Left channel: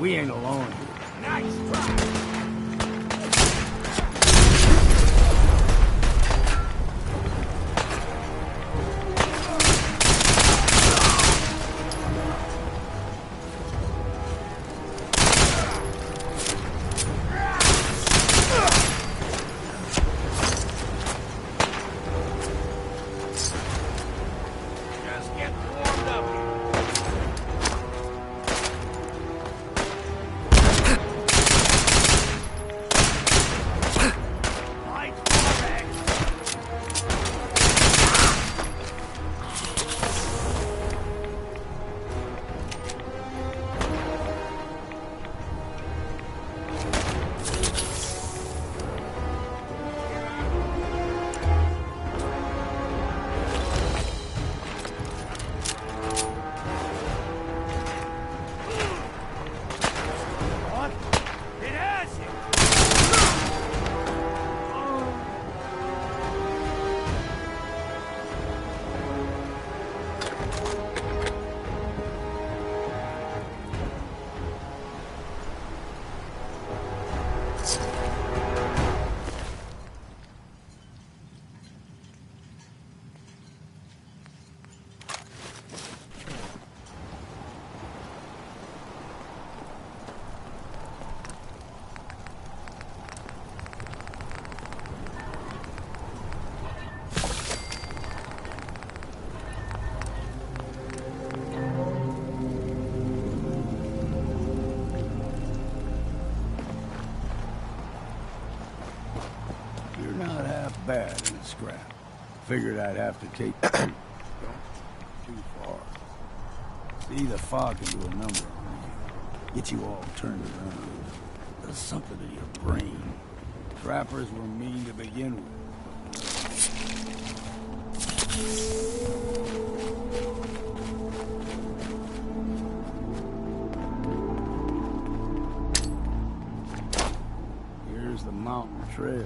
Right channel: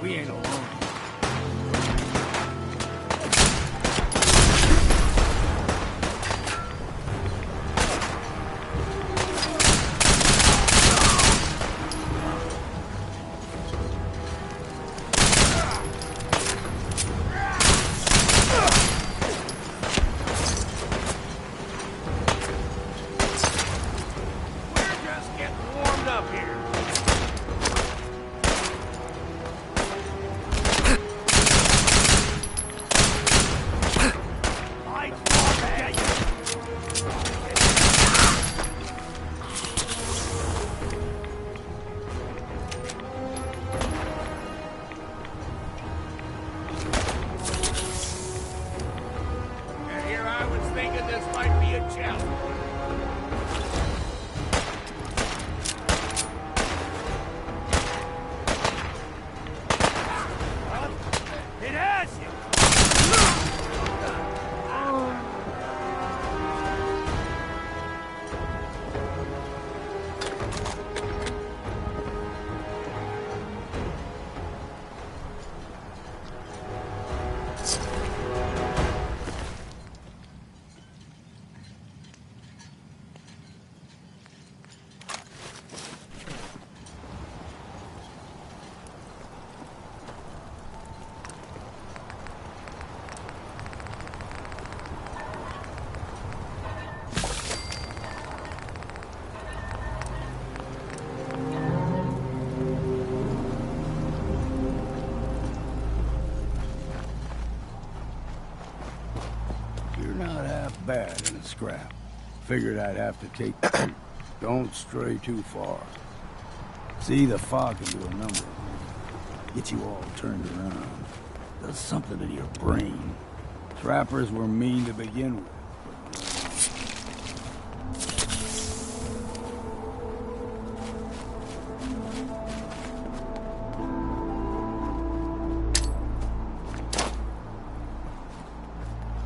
We ain't alone. Bad in a scrap. Figured I'd have to take... Don't stray too far. See, the fog can do a number on you. Get you all turned around. Does something to your brain. Trappers were mean to begin with. Here's the mountain trail.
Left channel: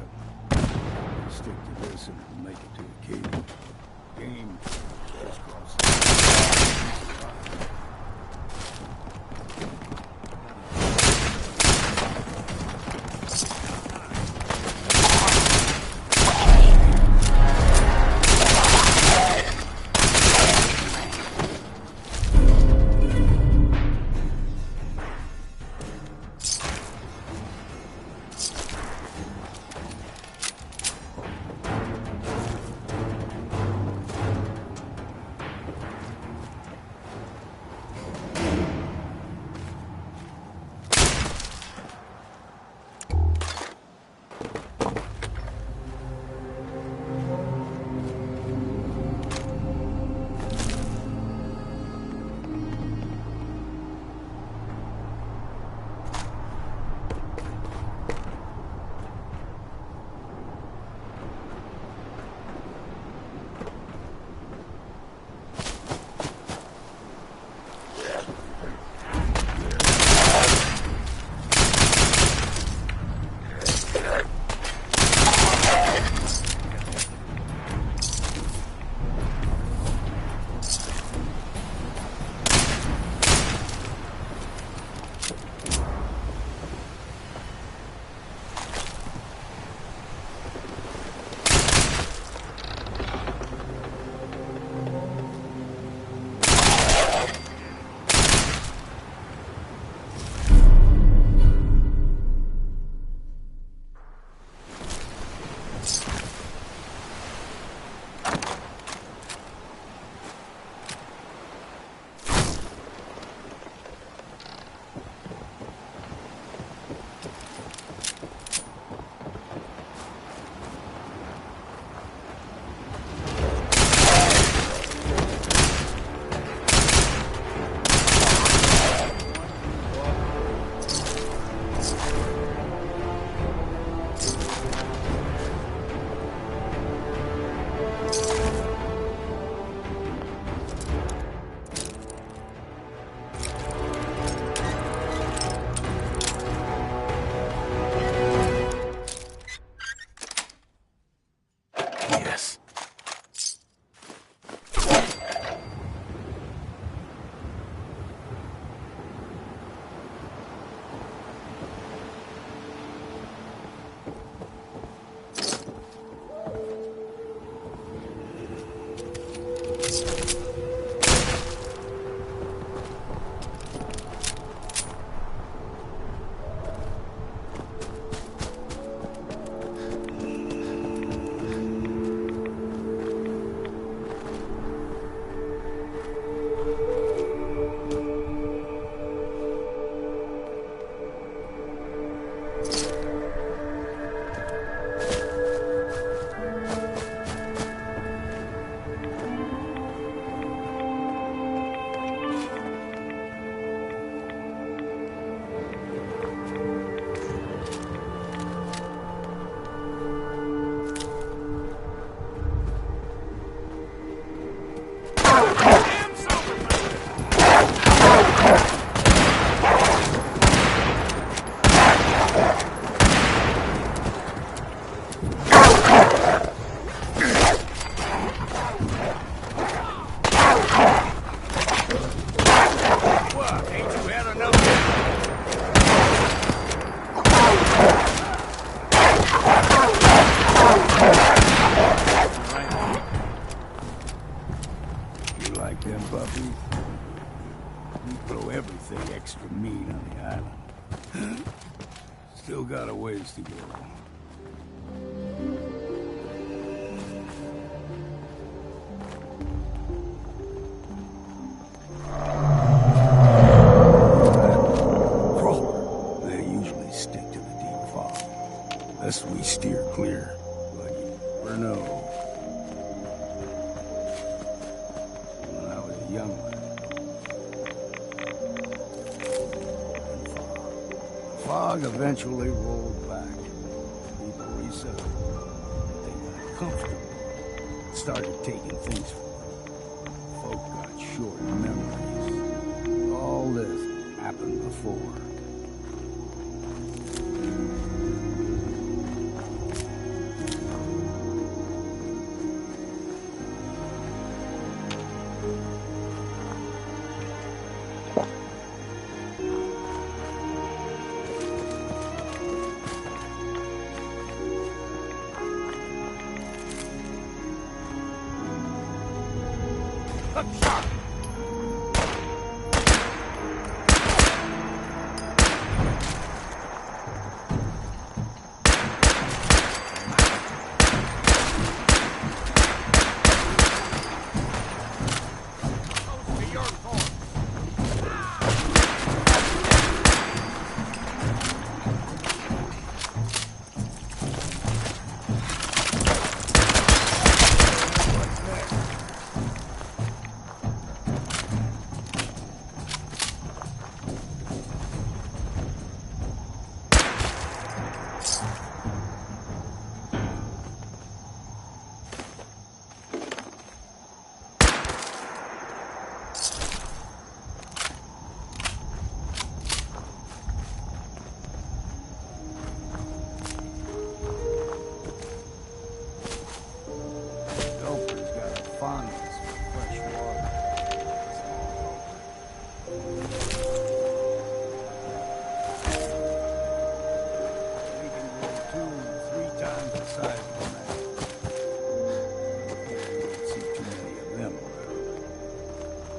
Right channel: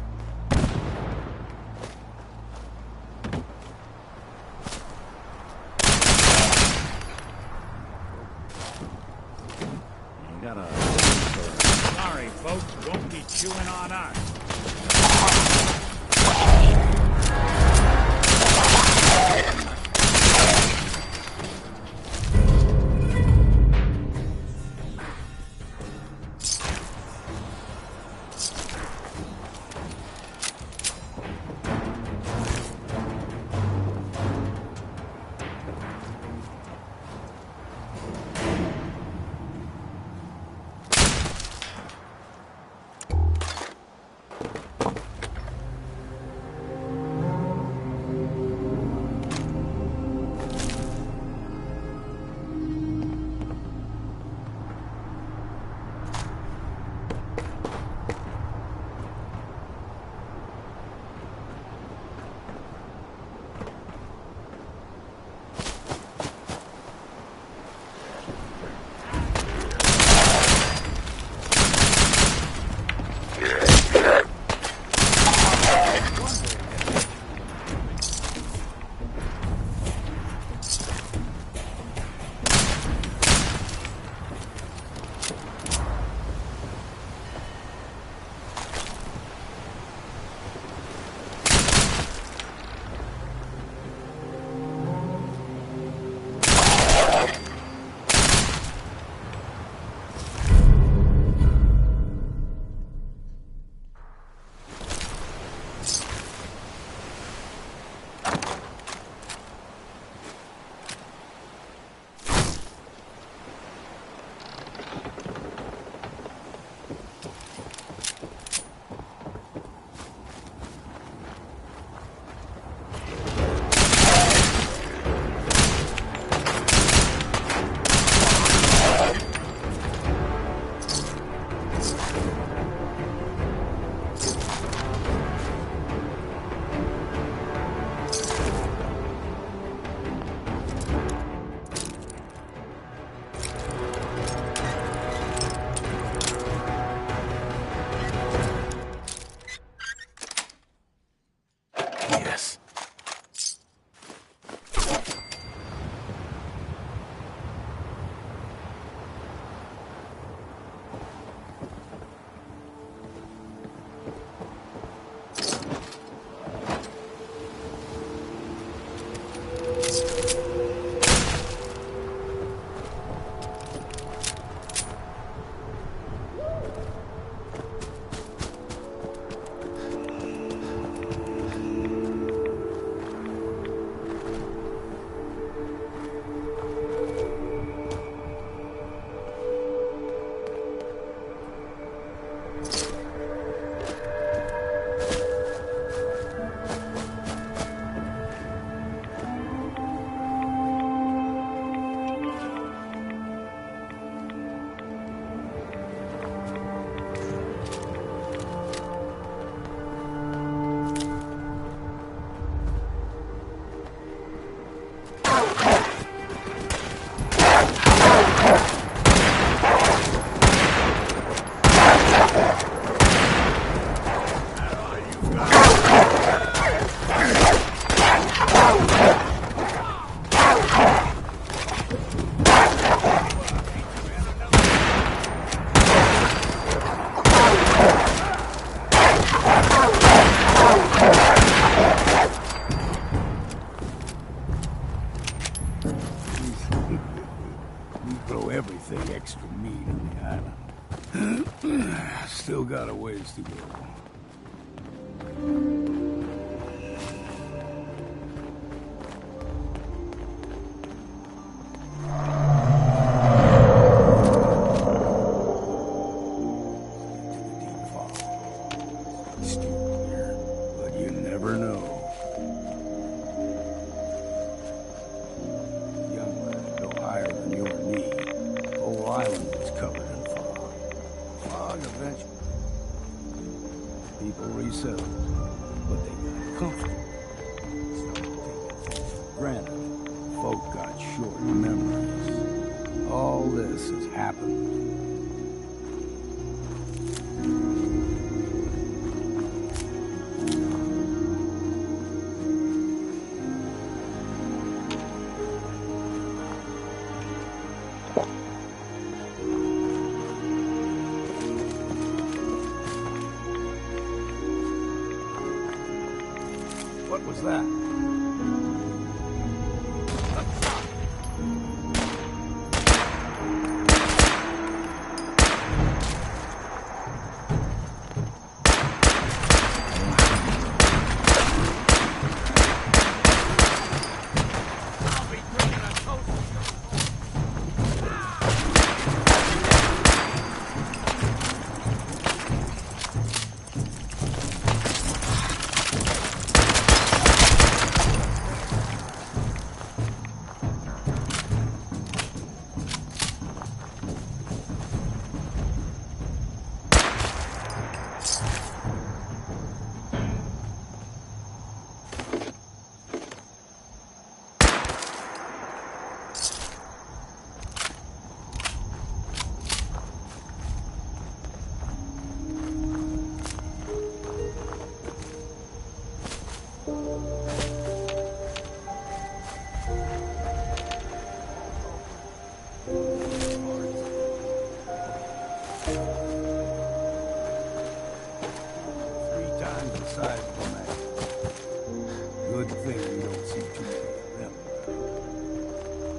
throw everything extra meat on the island. Still got a ways to go. They usually stick to the deep fog. Best we steer clear, but you never know. When I was a young lad, no higher than you and me, the whole island was covered in fog. The fog eventually rolled back. People resettled, but they got comfortable. Started taking things for granted. Folk got short memories. All this has happened before. What was that? Good thing you don't see too many of them around.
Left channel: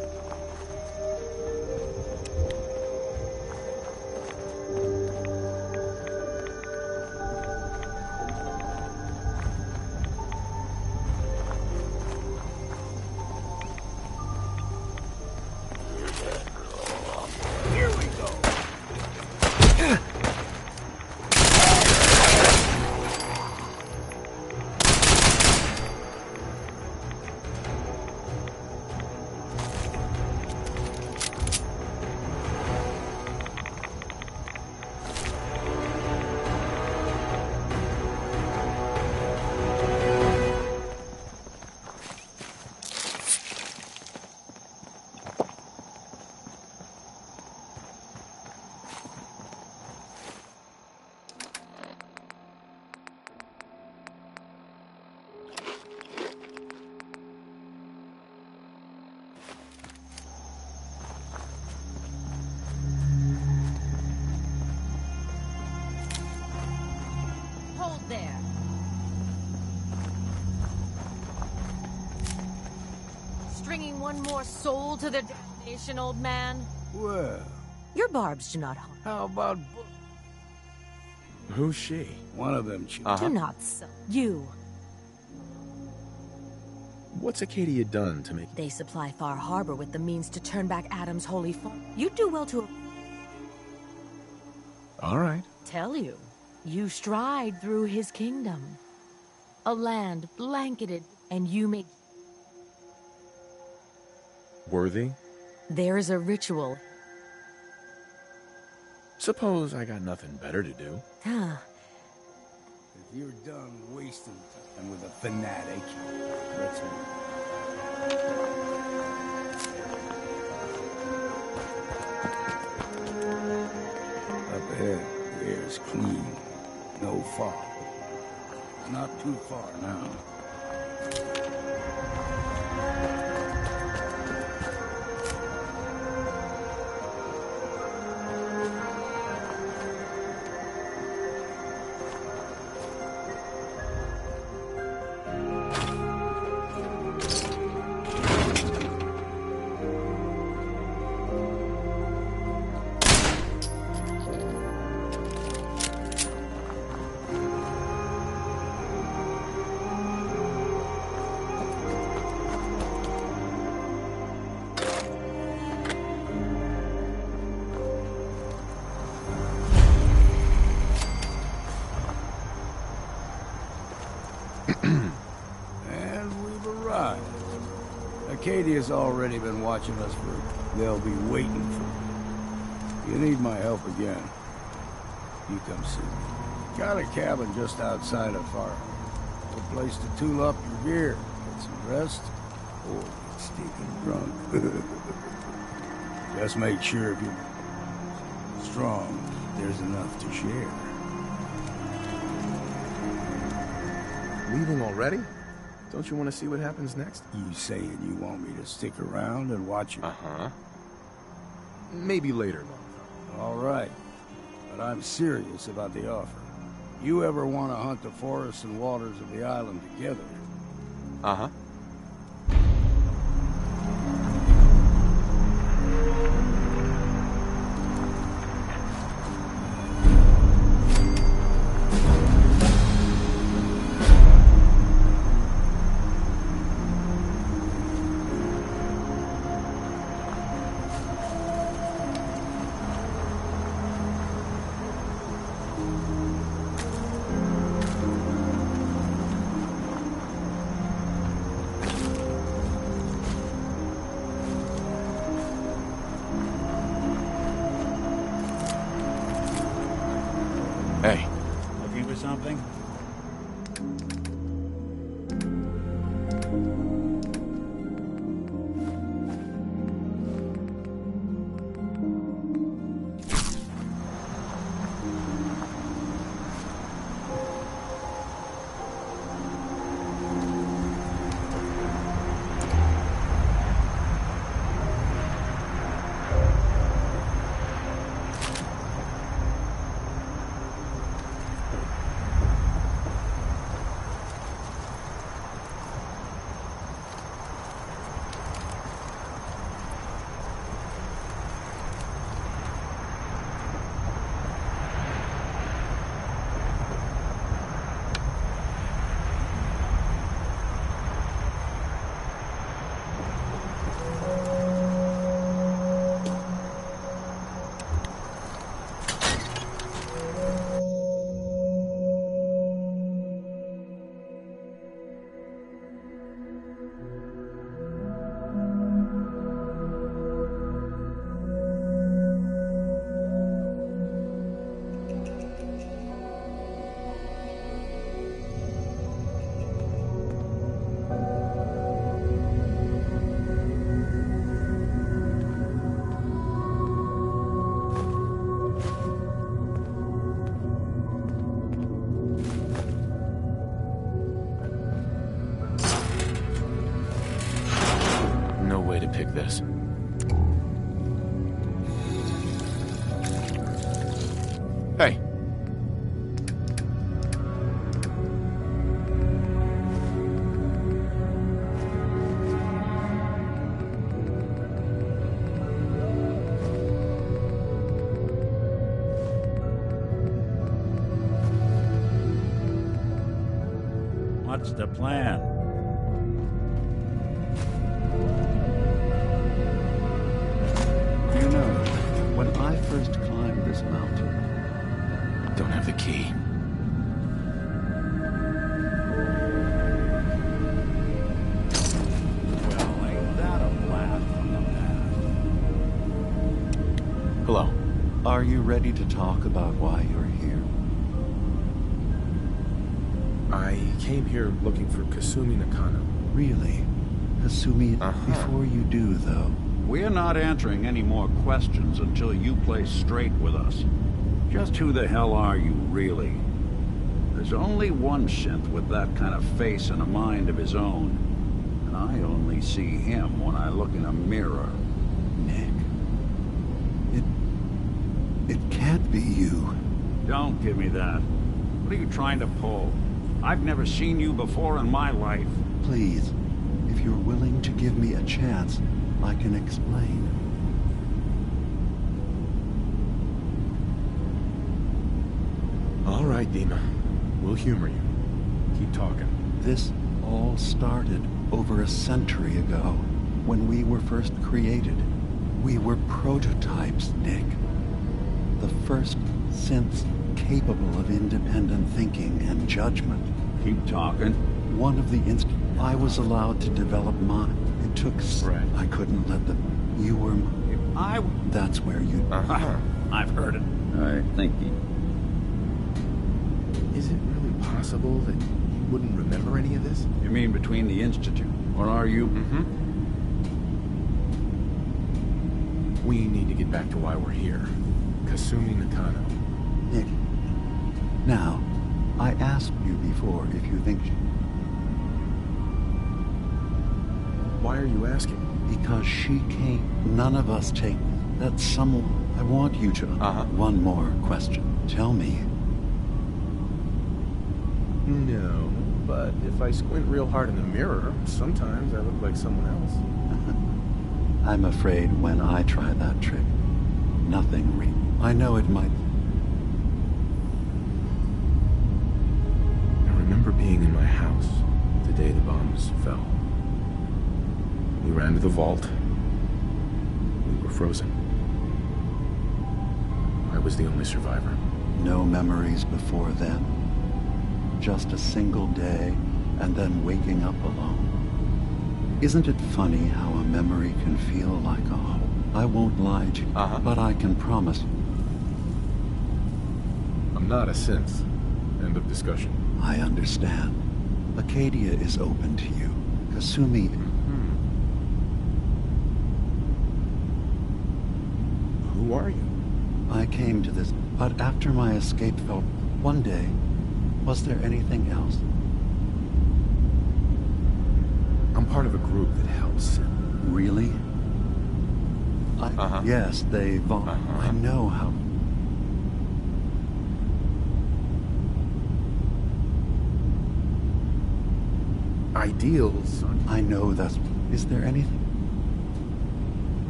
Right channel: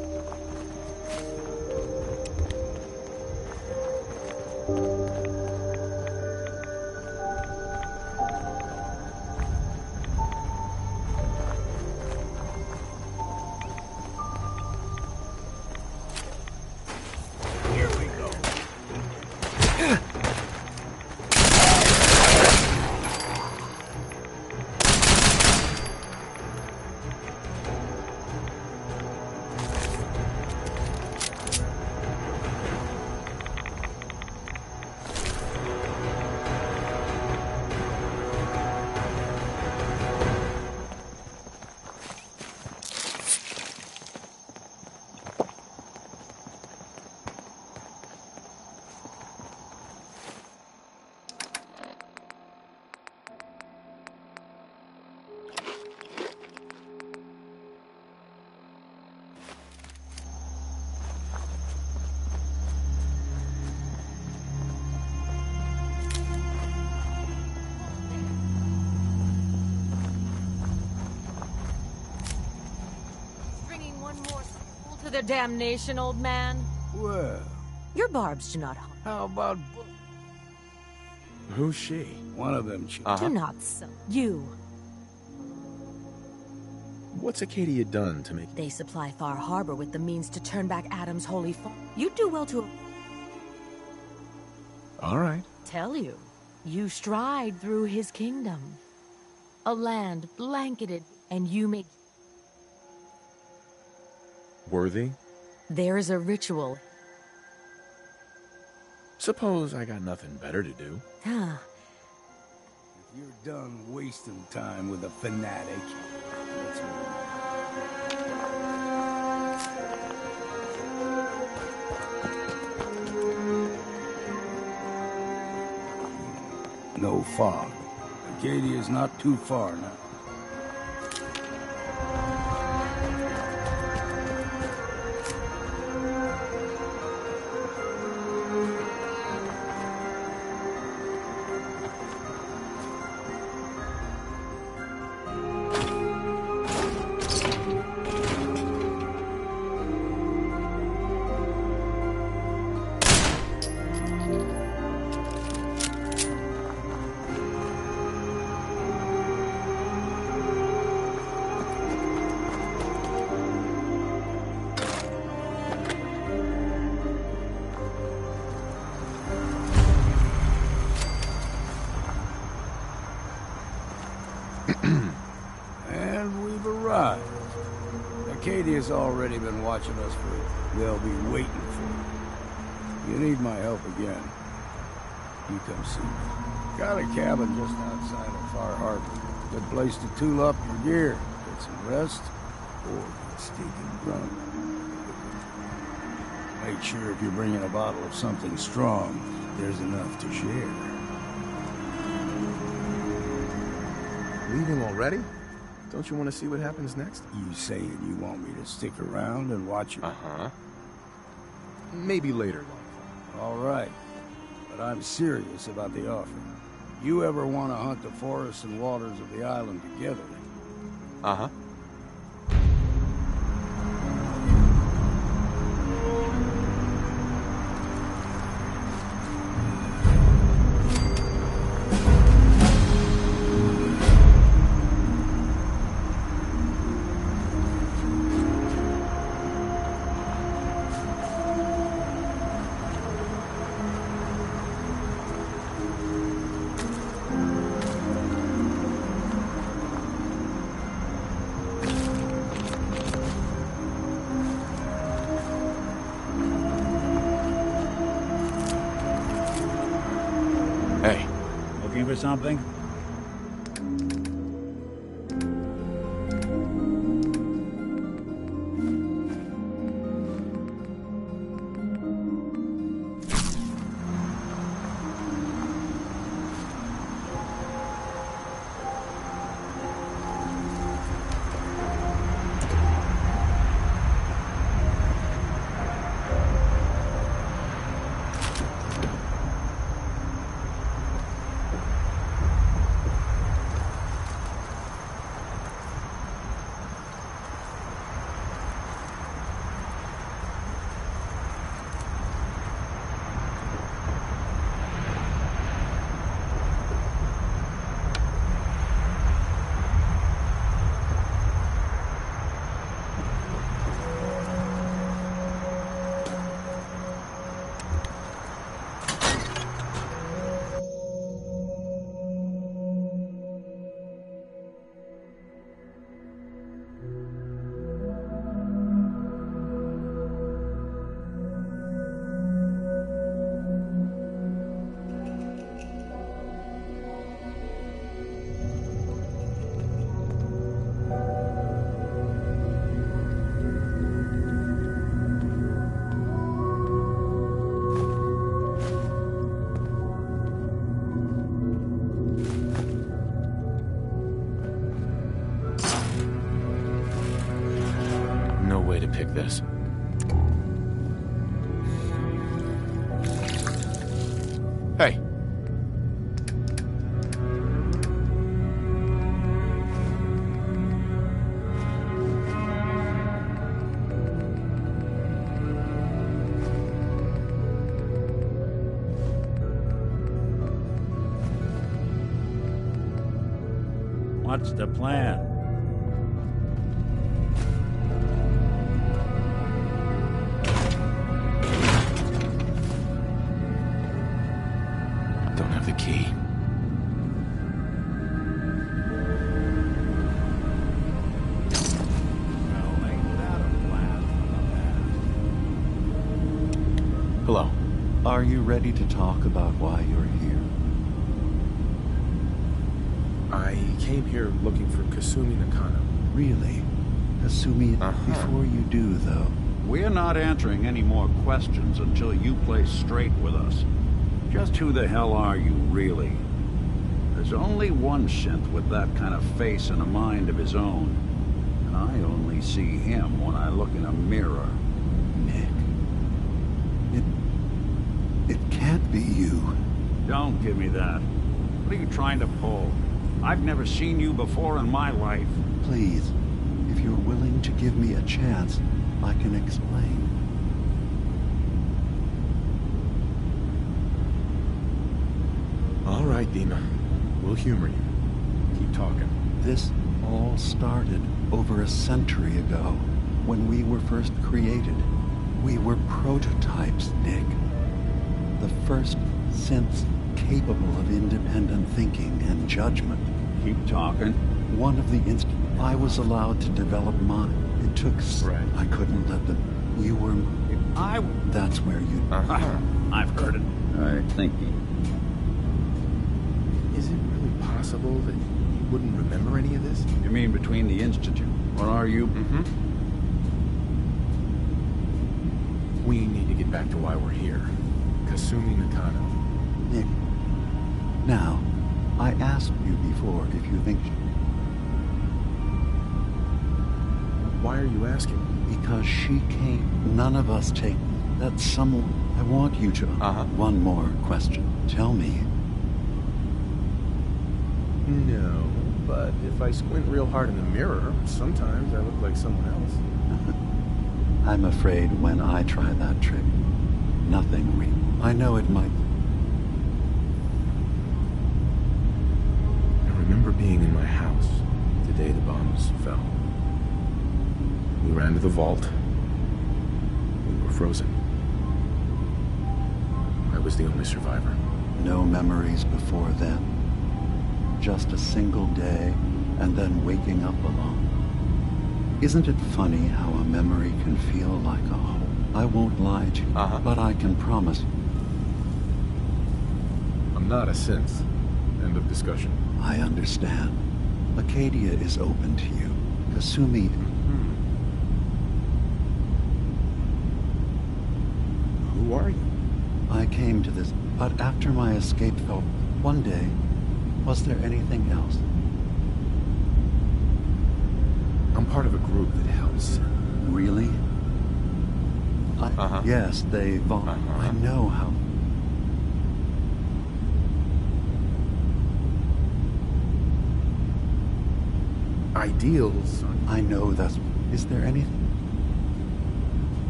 Here we go. Bringing one more soul to their damnation, old man? Well, Your barbs do not harm. how about Who's she? one of them? Do not sell. You. What's Acadia done to make... They supply Far Harbor with the means to turn back Adam's holy fall. You'd do well to... All right. Tell you. You stride through his kingdom. A land blanketed, and you may... Worthy? There is a ritual. Suppose I got nothing better to do. Ah, If you're done wasting time with a fanatic, let's move. Up ahead, the air's clean. No fog. Acadia's not too far now. Acadia's already been watching us they'll be waiting for you. You need my help again, you come see me. Got a cabin just outside of Far Harbor. Good place to tool up your gear, get some rest, or get stinking drunk. Just make sure if you're bringing a bottle of something strong, there's enough to share. Leaving already? Don't you want to see what happens next? You saying you want me to stick around and watch your... Uh-huh. Maybe later, Longfellow. All right. But I'm serious about the offer. You ever want to hunt the forests and waters of the island together? Uh-huh. Hey. Looking for something? No way to pick this. Hey. What's the plan? When I first climbed this mountain, Don't have the key. Well, ain't that a blast from the past? Hello. are you ready to talk about why you're here? I came here looking for Kasumi Nakano. Really? Hasumi, Uh-huh. before you do, though, We're not answering any more questions until you play straight with us. Just who the hell are you, really? There's only one synth with that kind of face and a mind of his own. And I only see him when I look in a mirror. Nick, it can't be you. Don't give me that. What are you trying to pull? I've never seen you before in my life. Please, if you're willing to give me a chance, I can explain. All right, Dima. We'll humor you. Keep talking. This all started over a century ago, when we were first created. We were prototypes, Nick. The first synths capable of independent thinking and judgment. Keep talking. One of the I was allowed to develop mine. It took... Right. I couldn't let them... You were... If I... That's where you... Uh-huh. I've heard it. I think he... Is it really possible that he wouldn't remember any of this? You mean between the Institute? Or are you... Mm-hmm. We need to get back to why we're here. Kasumi Nakano. Nick, now, I asked you before if you think... Why are you asking? Because she came... None of us take... That someone... I want you to... One more question. Tell me. No, but if I squint real hard in the mirror, sometimes I look like someone else. I'm afraid when I try that trick, nothing real. I know it might... I remember being in my house the day the bombs fell. We ran to the vault. We were frozen. I was the only survivor. No memories before then. Just a single day, and then waking up alone. Isn't it funny how a memory can feel like a home? I won't lie to you, but I can promise you. I'm not a synth. End of discussion. I understand. Acadia is open to you. Kasumi... Who are you? I came to this, but after my escape felt... One day, was there anything else? I'm part of a group that helps. Really? Yes, they... I know how... Ideals. I know that's... Is there anything?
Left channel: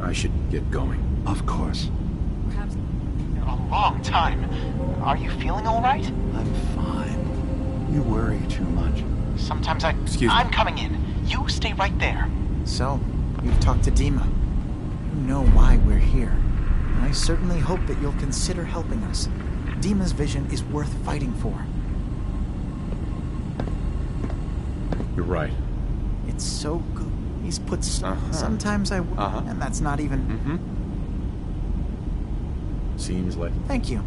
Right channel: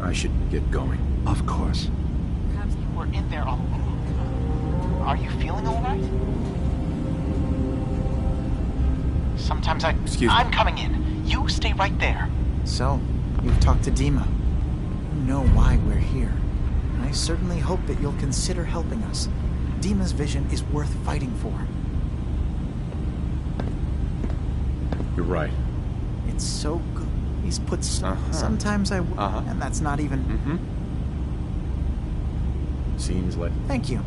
I should get going. Of course. Perhaps you were in there a long time. Are you feeling all right? I'm fine. You worry too much. Sometimes Excuse me. I'm coming in. You stay right there. So, you've talked to Dima. You know why we're here. I certainly hope that you'll consider helping us. Dima's vision is worth fighting for. You're right. It's so good. He's put sometimes I and that's not even... Seems like... Thank you.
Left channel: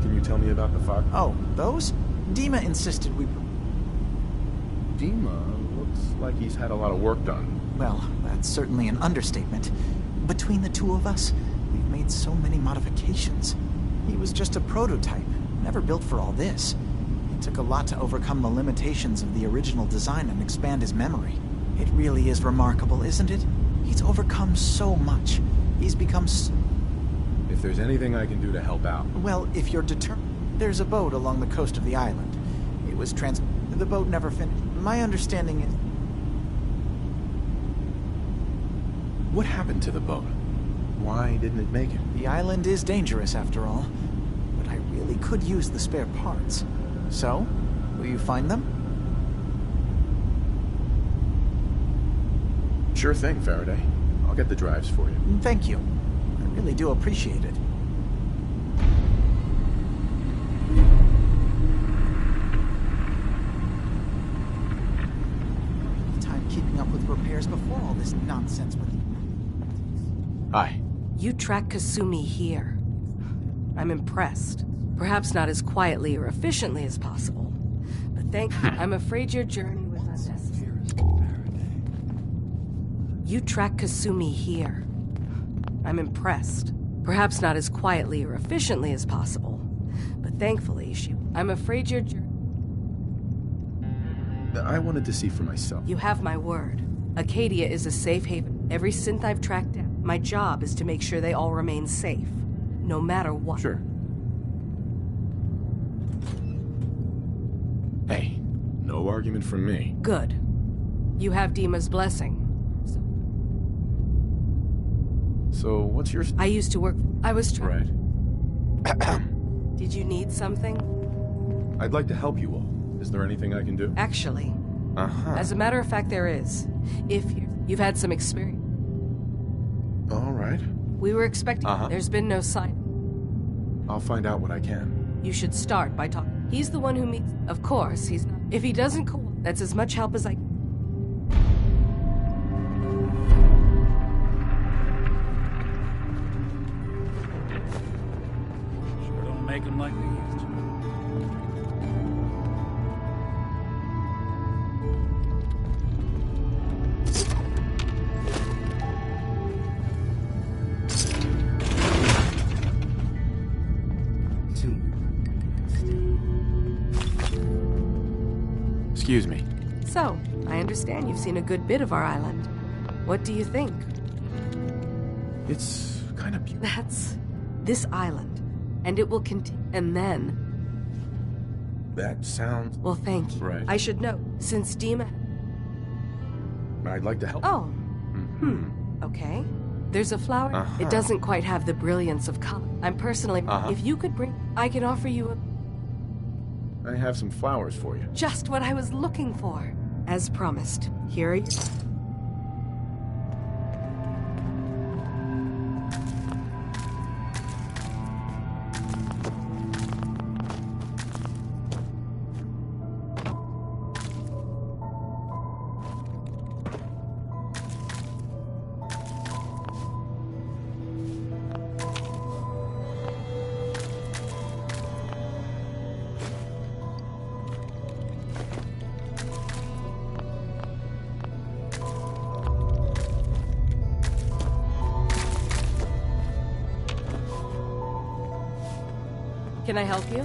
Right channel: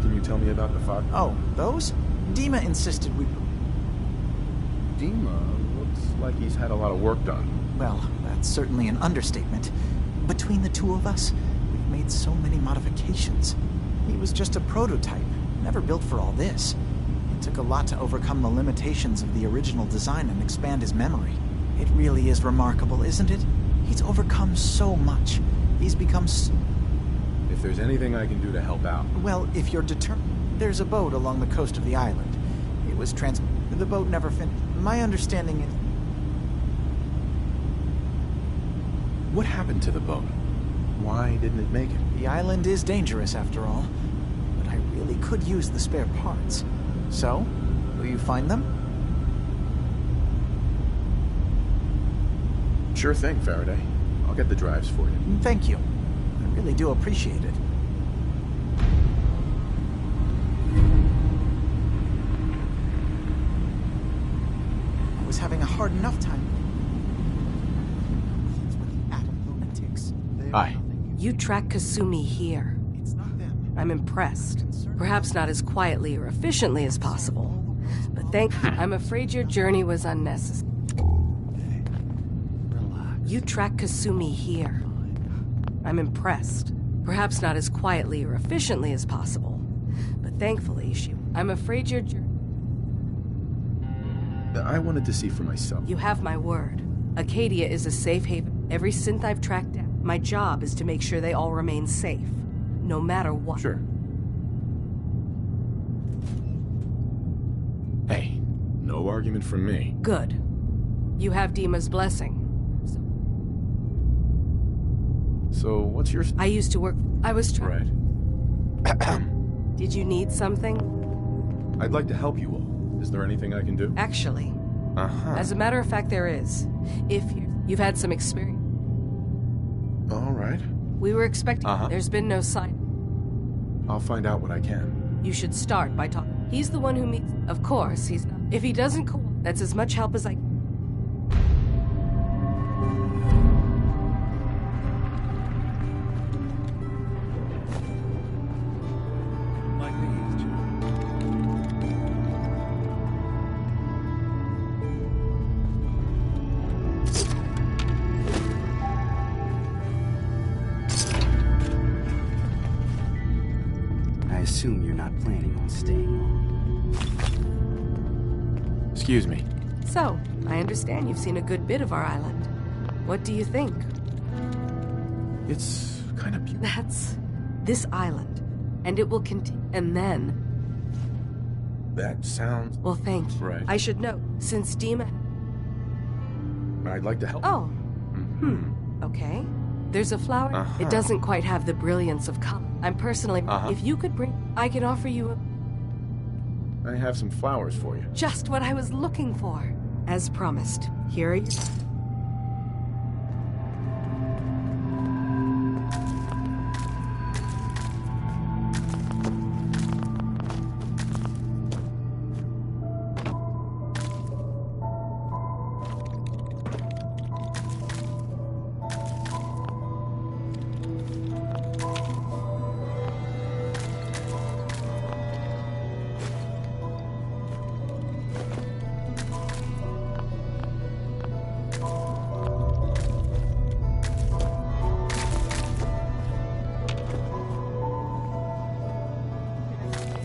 Can you tell me about the fog? Oh, those? Dima insisted we... Dima looks like he's had a lot of work done. Well, that's certainly an understatement. Between the two of us, we've made so many modifications. He was just a prototype, never built for all this. It took a lot to overcome the limitations of the original design and expand his memory. It really is remarkable, isn't it? He's overcome so much. He's become If there's anything I can do to help out... Well, if you're determined... There's a boat along the coast of the island. It was The boat never finished. My understanding is... What happened to the boat? Why didn't it make it? The island is dangerous, after all. But I really could use the spare parts. So, will you find them? Sure thing, Faraday. I'll get the drives for you. Thank you. I really do appreciate it. I was having a hard enough time keeping up with repairs before all this nonsense with the atom lunatics. Hi. You track Kasumi here. It's not them. I'm impressed. Perhaps not as quietly or efficiently as possible. But I'm afraid your journey was unnecessary. You track Kasumi here. I'm impressed. Perhaps not as quietly or efficiently as possible. But thankfully, I'm afraid your journey... I wanted to see for myself. You have my word. Acadia is a safe haven. Every synth I've tracked down, my job is to make sure they all remain safe. No matter what. Sure. Hey, no argument from me. Good. You have Dima's blessing. So, what's your... I used to work... I was Right. Did you need something? I'd like to help you all. Is there anything I can do? Actually. Uh-huh. As a matter of fact, there is. If you've had some experience. All right. We were expecting... There's been no sign. I'll find out what I can. You should start by talking. He's the one who meets... Of course, he's not... If he doesn't that's as much help as I... Don't make them like they used to. I assume you're not planning on staying long. Excuse me. So, I understand you've seen a good bit of our island. What do you think? It's kind of beautiful. That's this island. And it will continue. And then... That sounds... Well, thank you. Right. I should know, since Dima... I'd like to help. Oh. Mm-hmm. Okay. There's a flower. Uh-huh. It doesn't quite have the brilliance of color. I'm personally... Uh-huh. If you could bring... I can offer you a... I have some flowers for you. Just what I was looking for. As promised. Here are you. Can I help you?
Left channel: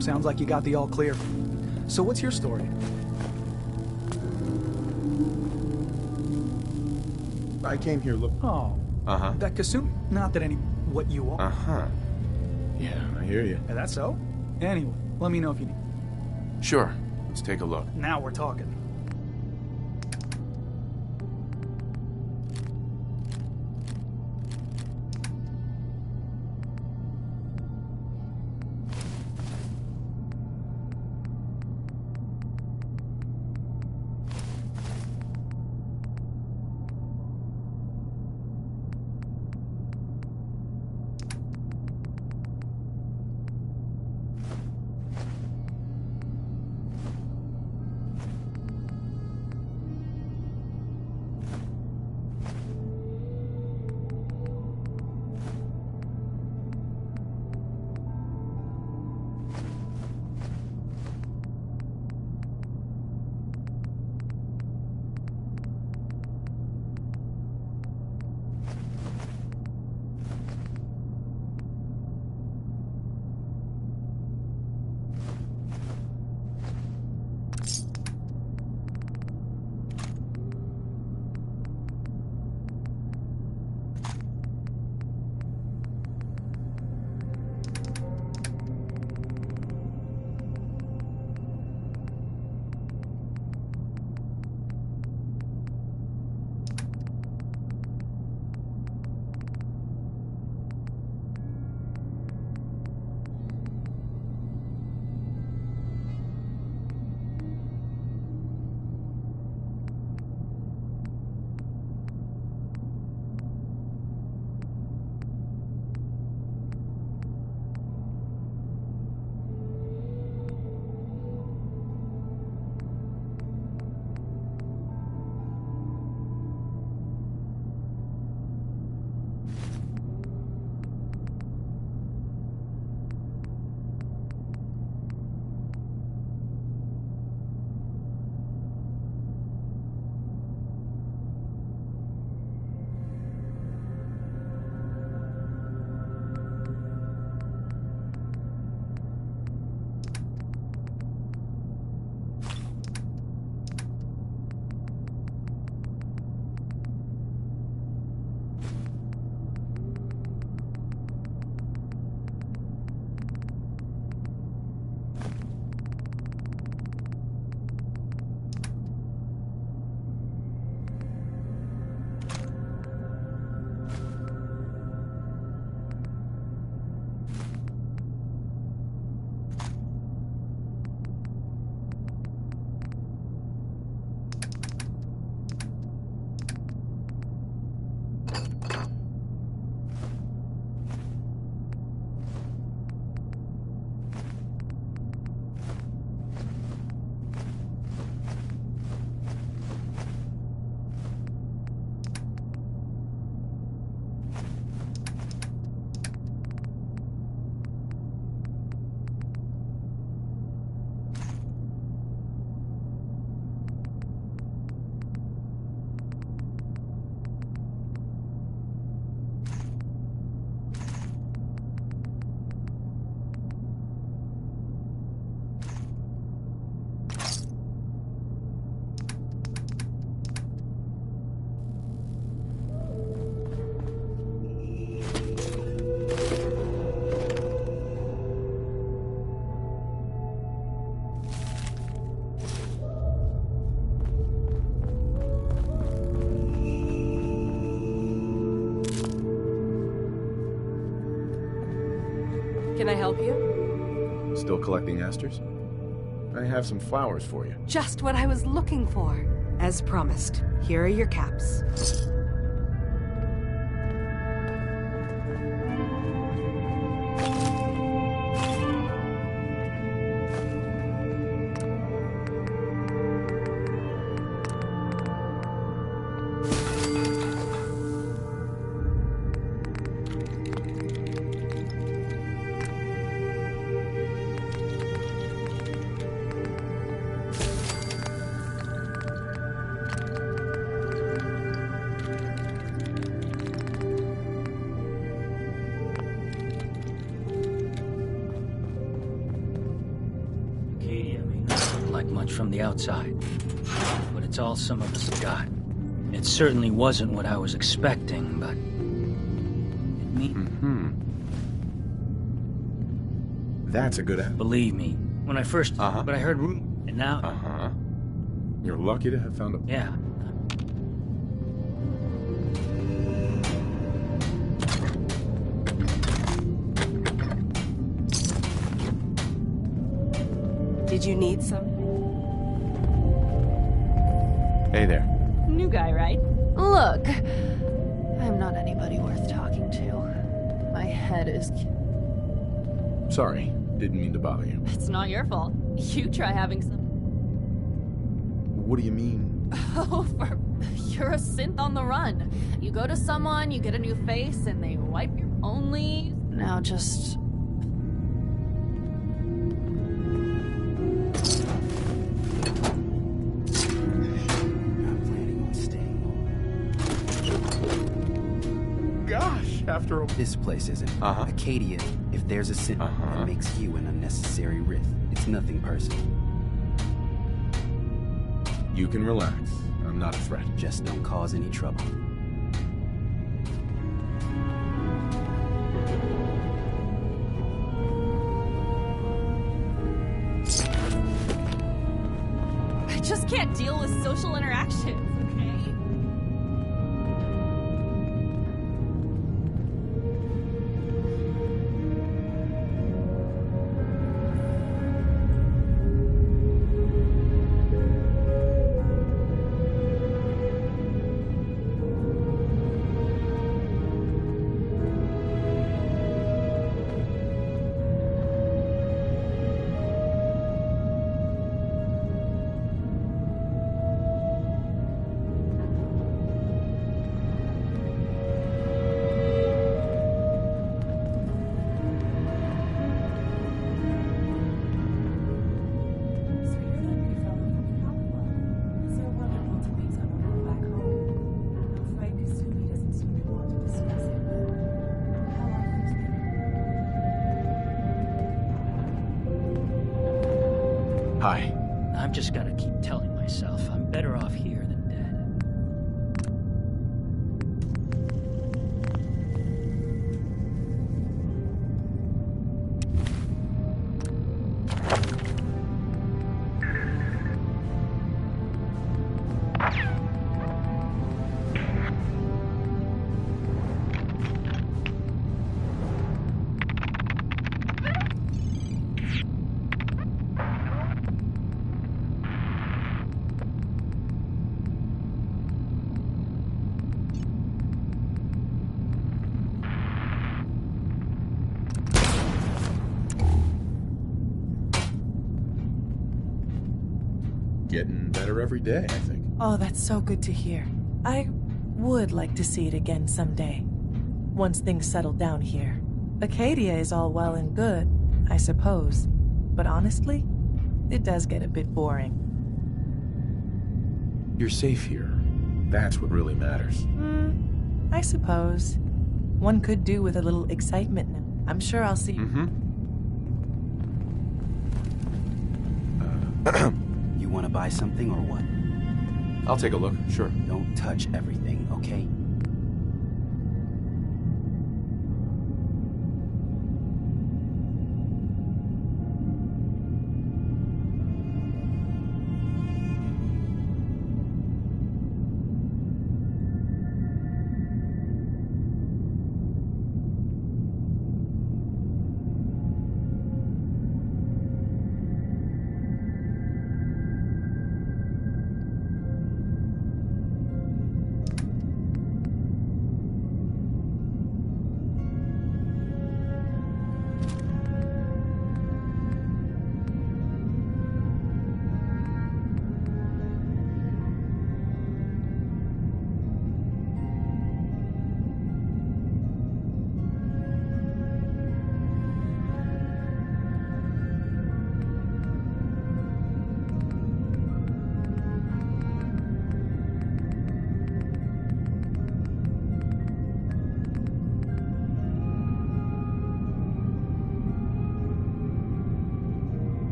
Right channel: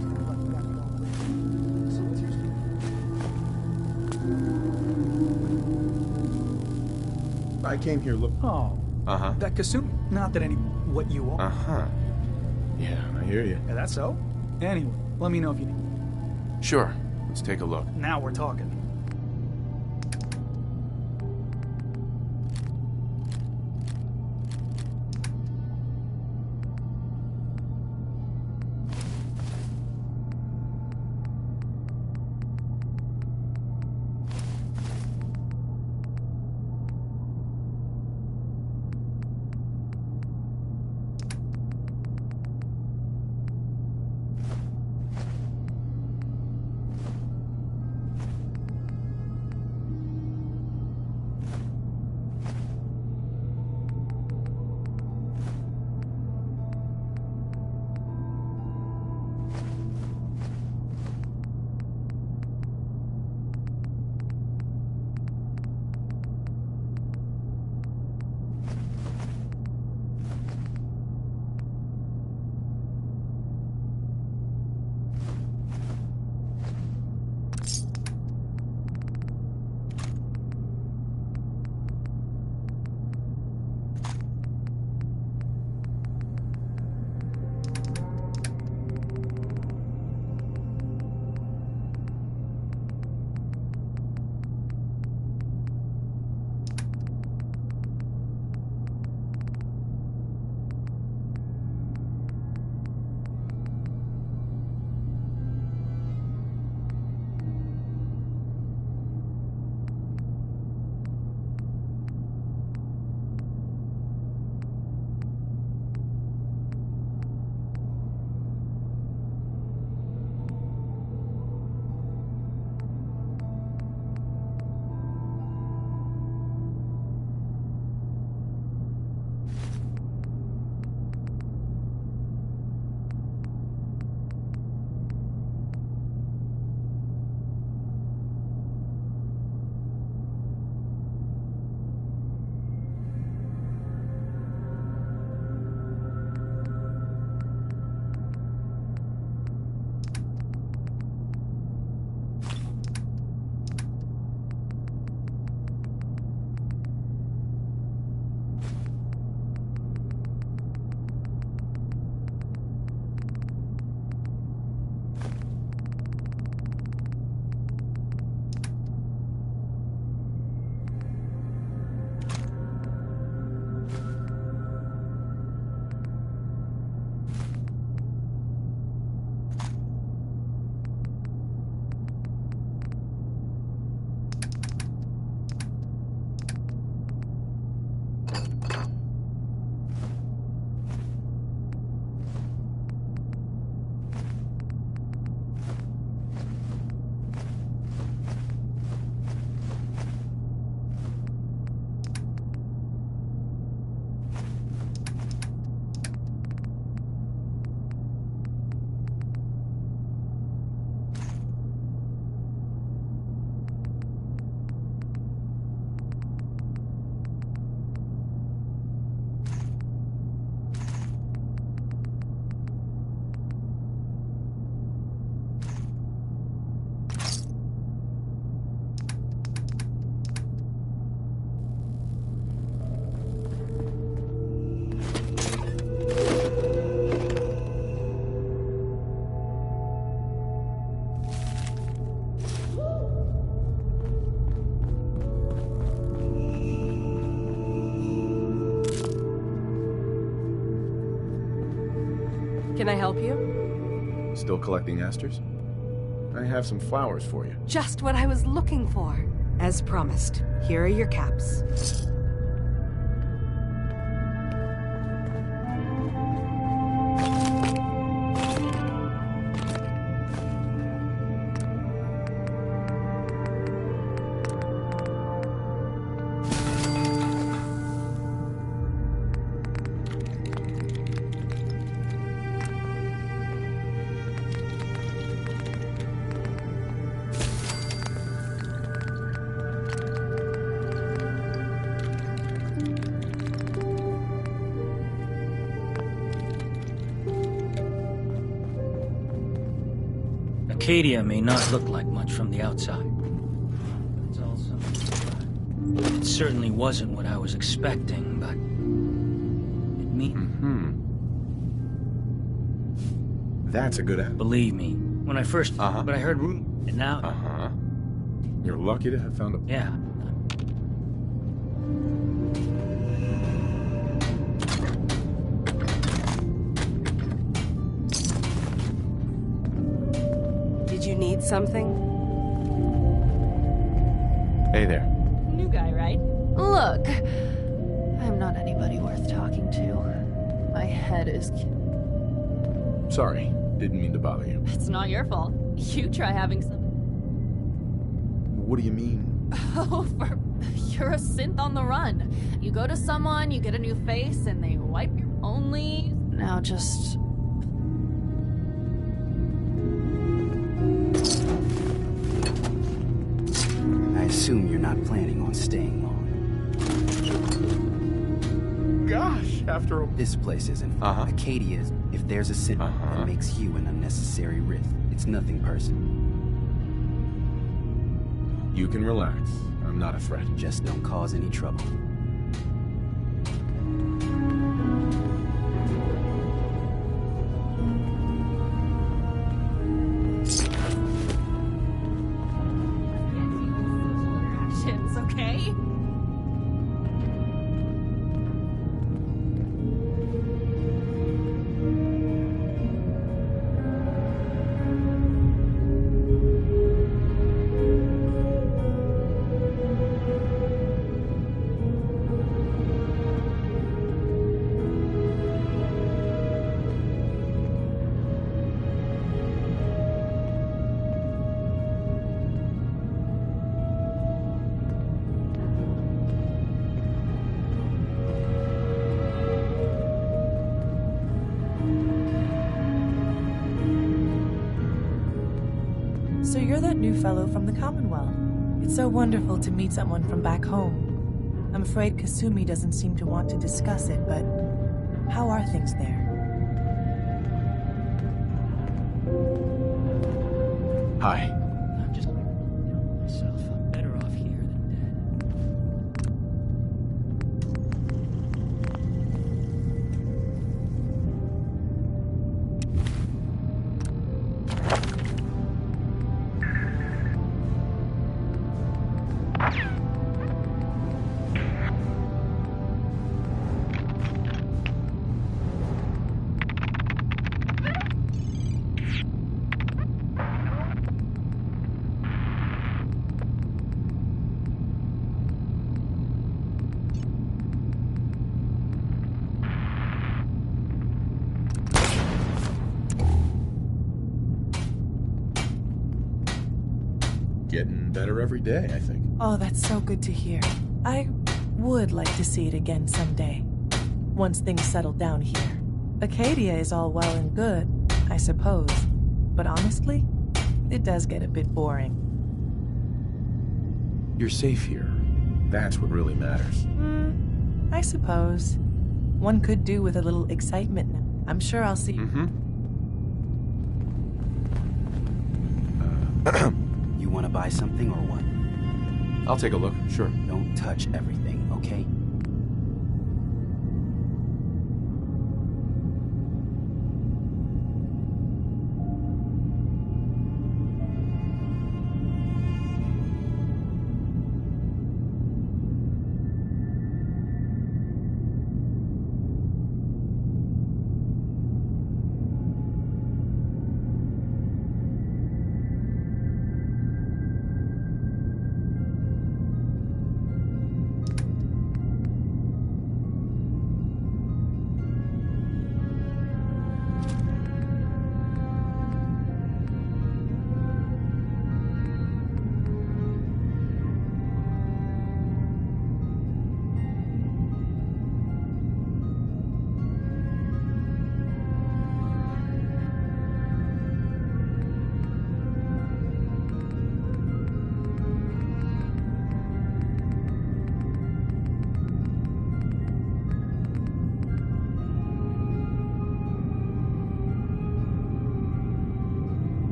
Sounds like you got the all clear. So what's your story? I came here Oh. Uh-huh. That Kasumi. Not that any... what you are. Uh-huh. Yeah, I hear you. Yeah, that's so? Anyway, let me know if you need... Sure. Let's take a look. Now we're talking. Can I help you? Still collecting asters? I have some flowers for you. Just what I was looking for. As promised, here are your caps. Acadia may not look like much from the outside, but it's all some of us got. It certainly wasn't what I was expecting, but it means. That's a good ad. Believe me, when I first, but I heard rumors, and now. You're lucky to have found a. Yeah. Did you need something? Hey there. New guy, right? Look, I'm not anybody worth talking to. My head is... Sorry, didn't mean to bother you. It's not your fault. You try having some... What do you mean? Oh, you're a synth on the run. You go to someone, you get a new face, and they wipe your only... Now just... I assume you're not planning on staying long. Gosh, after a... This place isn't. Acadia, if there's a sin, it makes you an unnecessary risk. It's nothing personal. You can relax. I'm not a threat. Just don't cause any trouble. I just can't deal with social interactions, okay? So you're that new fellow from the Commonwealth. It's so wonderful to meet someone from back home. I'm afraid Kasumi doesn't seem to want to discuss it, but how are things there? Hi. I'm just gonna keep telling myself I'm better off here than dead. Getting better every day, I think. Oh, that's so good to hear. I would like to see it again someday. Once things settle down here. Acadia is all well and good, I suppose. But honestly, it does get a bit boring. You're safe here. That's what really matters. I suppose. One could do with a little excitement now. I'm sure I'll see you. You want to buy something or what? I'll take a look, sure. Don't touch everything, okay?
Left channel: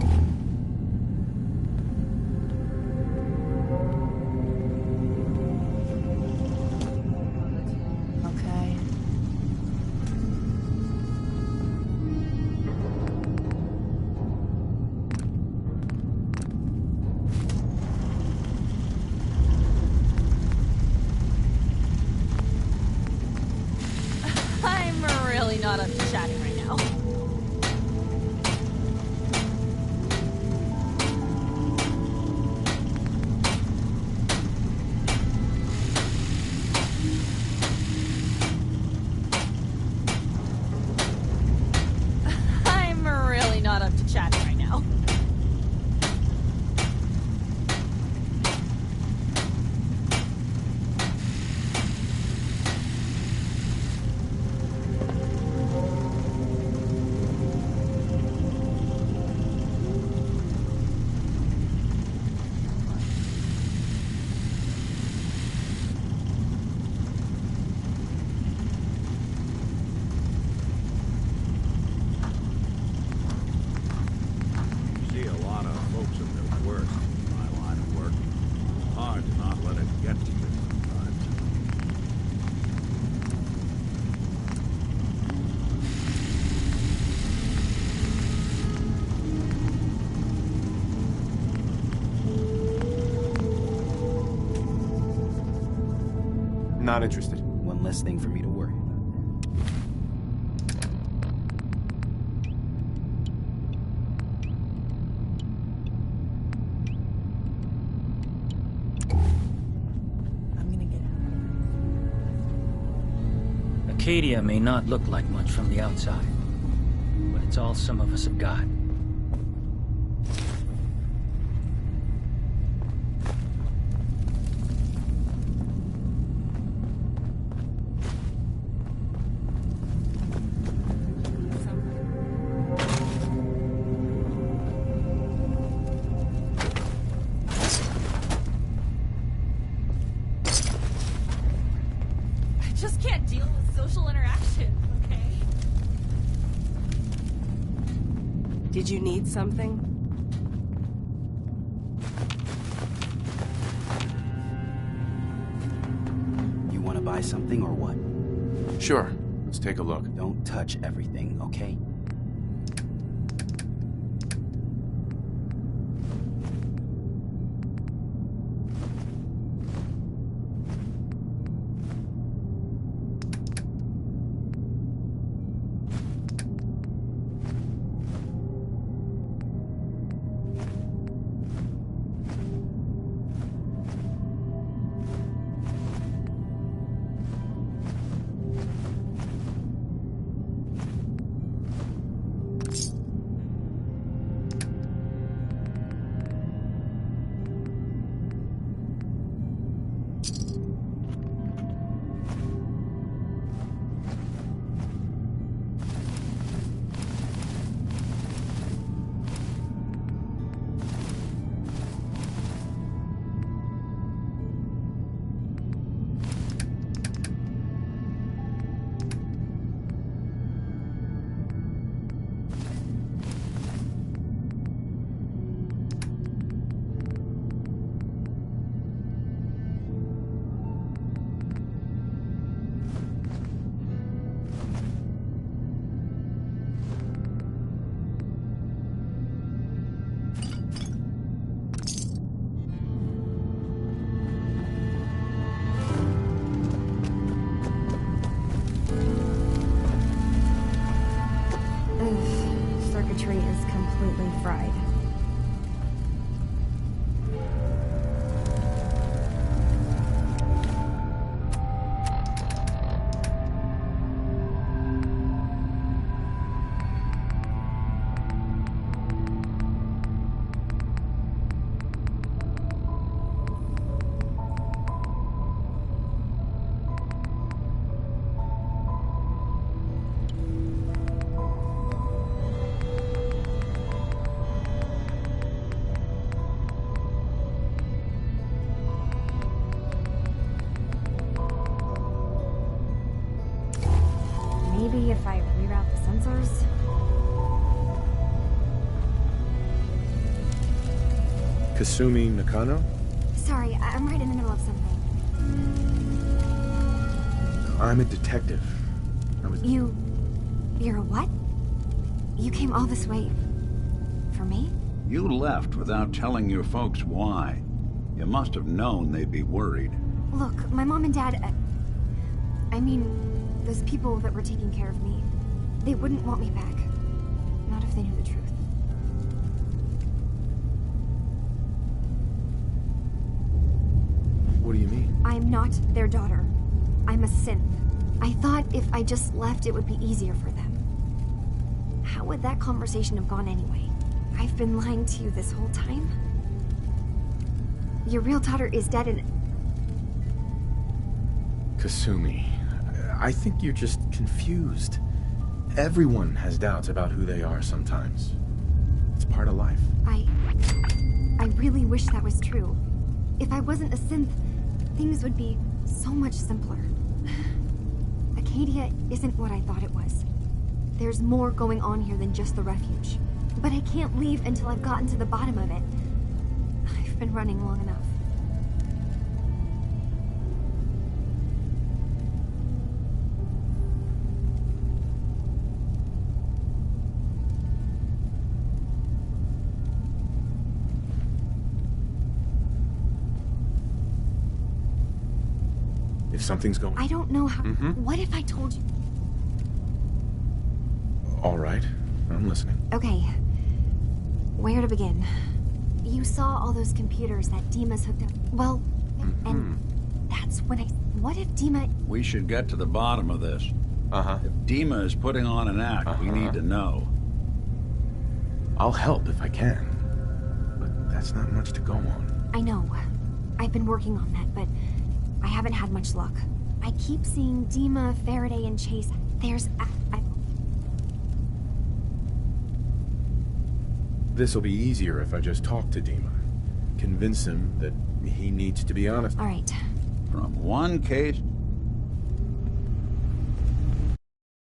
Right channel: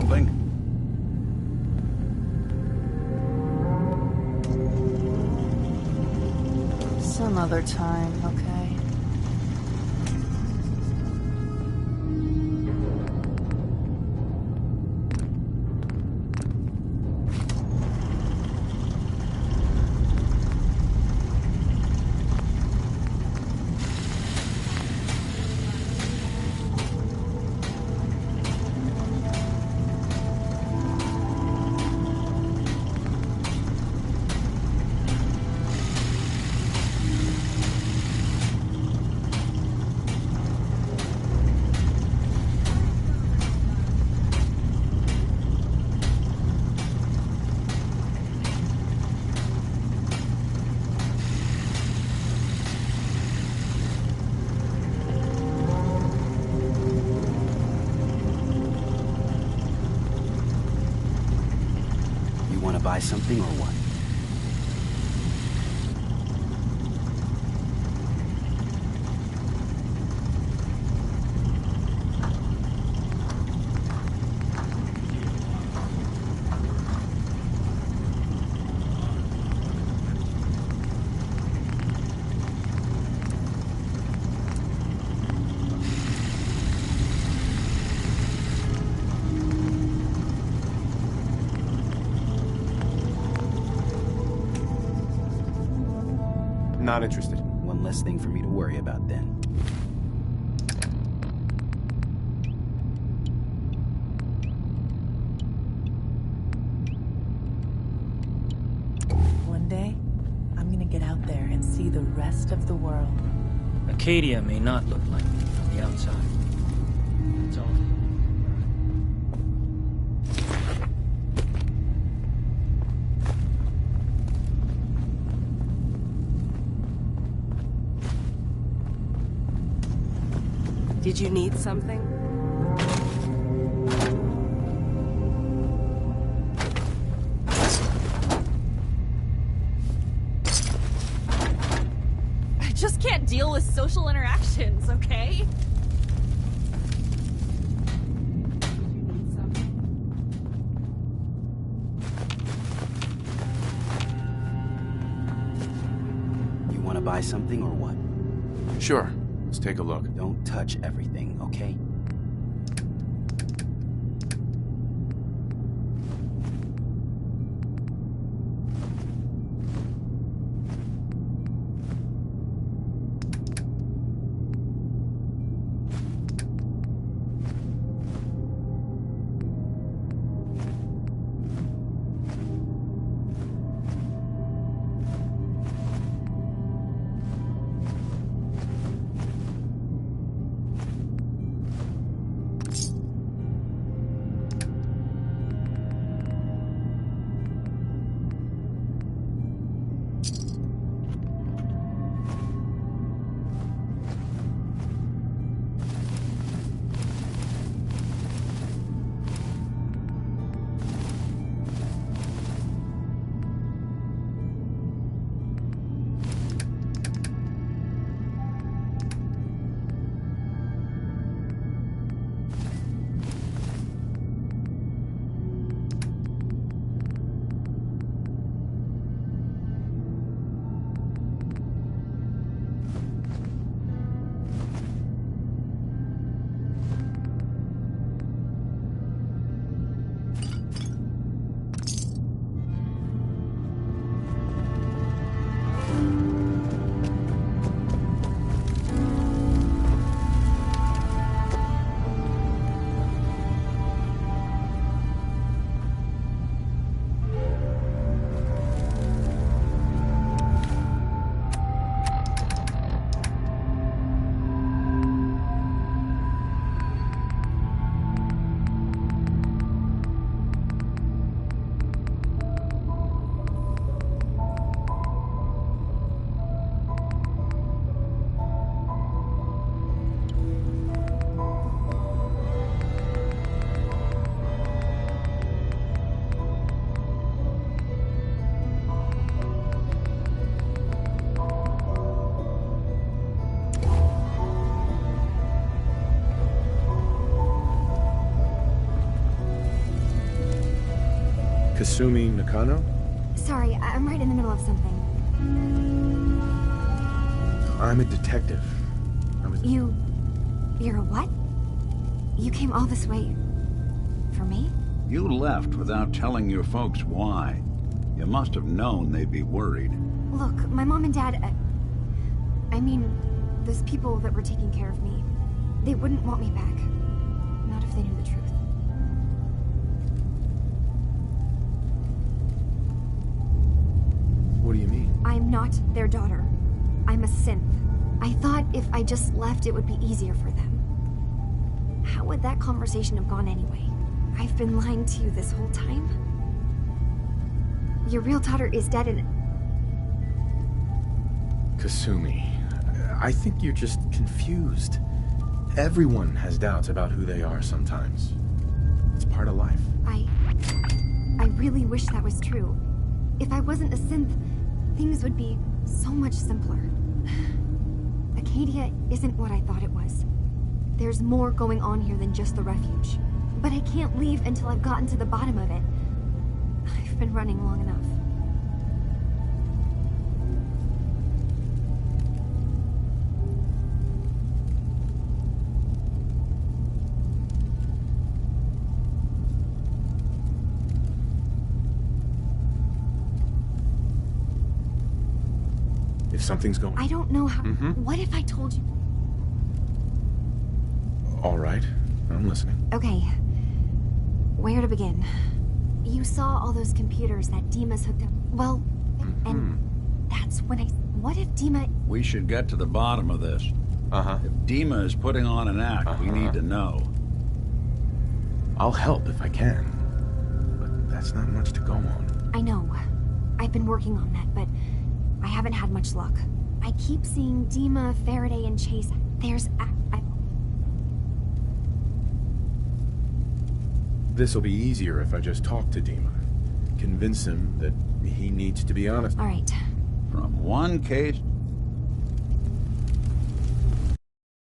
something? Some other time, okay? I'm really not on the chat right now. I'm really not on the chat right now. You want to buy something or what? See a lot of folks in the worst in my line of work. Hard to not let it get to you sometimes. Not interested. One less thing for me to worry about then. One day, I'm gonna get out there and see the rest of the world. Acadia may not look like much from the outside, but it's all some of us have got. Did you need something? I just can't deal with social interactions, okay? Did you need something? You want to buy something or what? Sure. Let's take a look. Don't touch everything, okay? Kasumi Nakano? Sorry, I'm right in the middle of something. I'm a detective. You're a what? You came all this way... for me? You left without telling your folks why. You must have known they'd be worried. Look, my mom and dad... I mean, those people that were taking care of me, they wouldn't want me back. Not if they knew the truth. What do you mean? I'm not their daughter. I'm a synth. I thought if I just left, it would be easier for them. How would that conversation have gone anyway? I've been lying to you this whole time? Your real daughter is dead and... Kasumi, I think you're just confused. Everyone has doubts about who they are sometimes. It's part of life. I really wish that was true. If I wasn't a synth, things would be so much simpler. Acadia isn't what I thought it was. There's more going on here than just the refuge. But I can't leave until I've gotten to the bottom of it. I've been running long enough. If something's going... I don't know how... What if I told you... All right, I'm listening. Okay. Where to begin? You saw all those computers that Dima's hooked up... Well, and that's when I... What if Dima... We should get to the bottom of this. If Dima is putting on an act, we need to know. I'll help if I can. But that's not much to go on. I know. I've been working on that, but I haven't had much luck. I keep seeing Dima, Faraday, and Chase. There's... This'll be easier if I just talk to Dima. Convince him that he needs to be honest. All right. From one case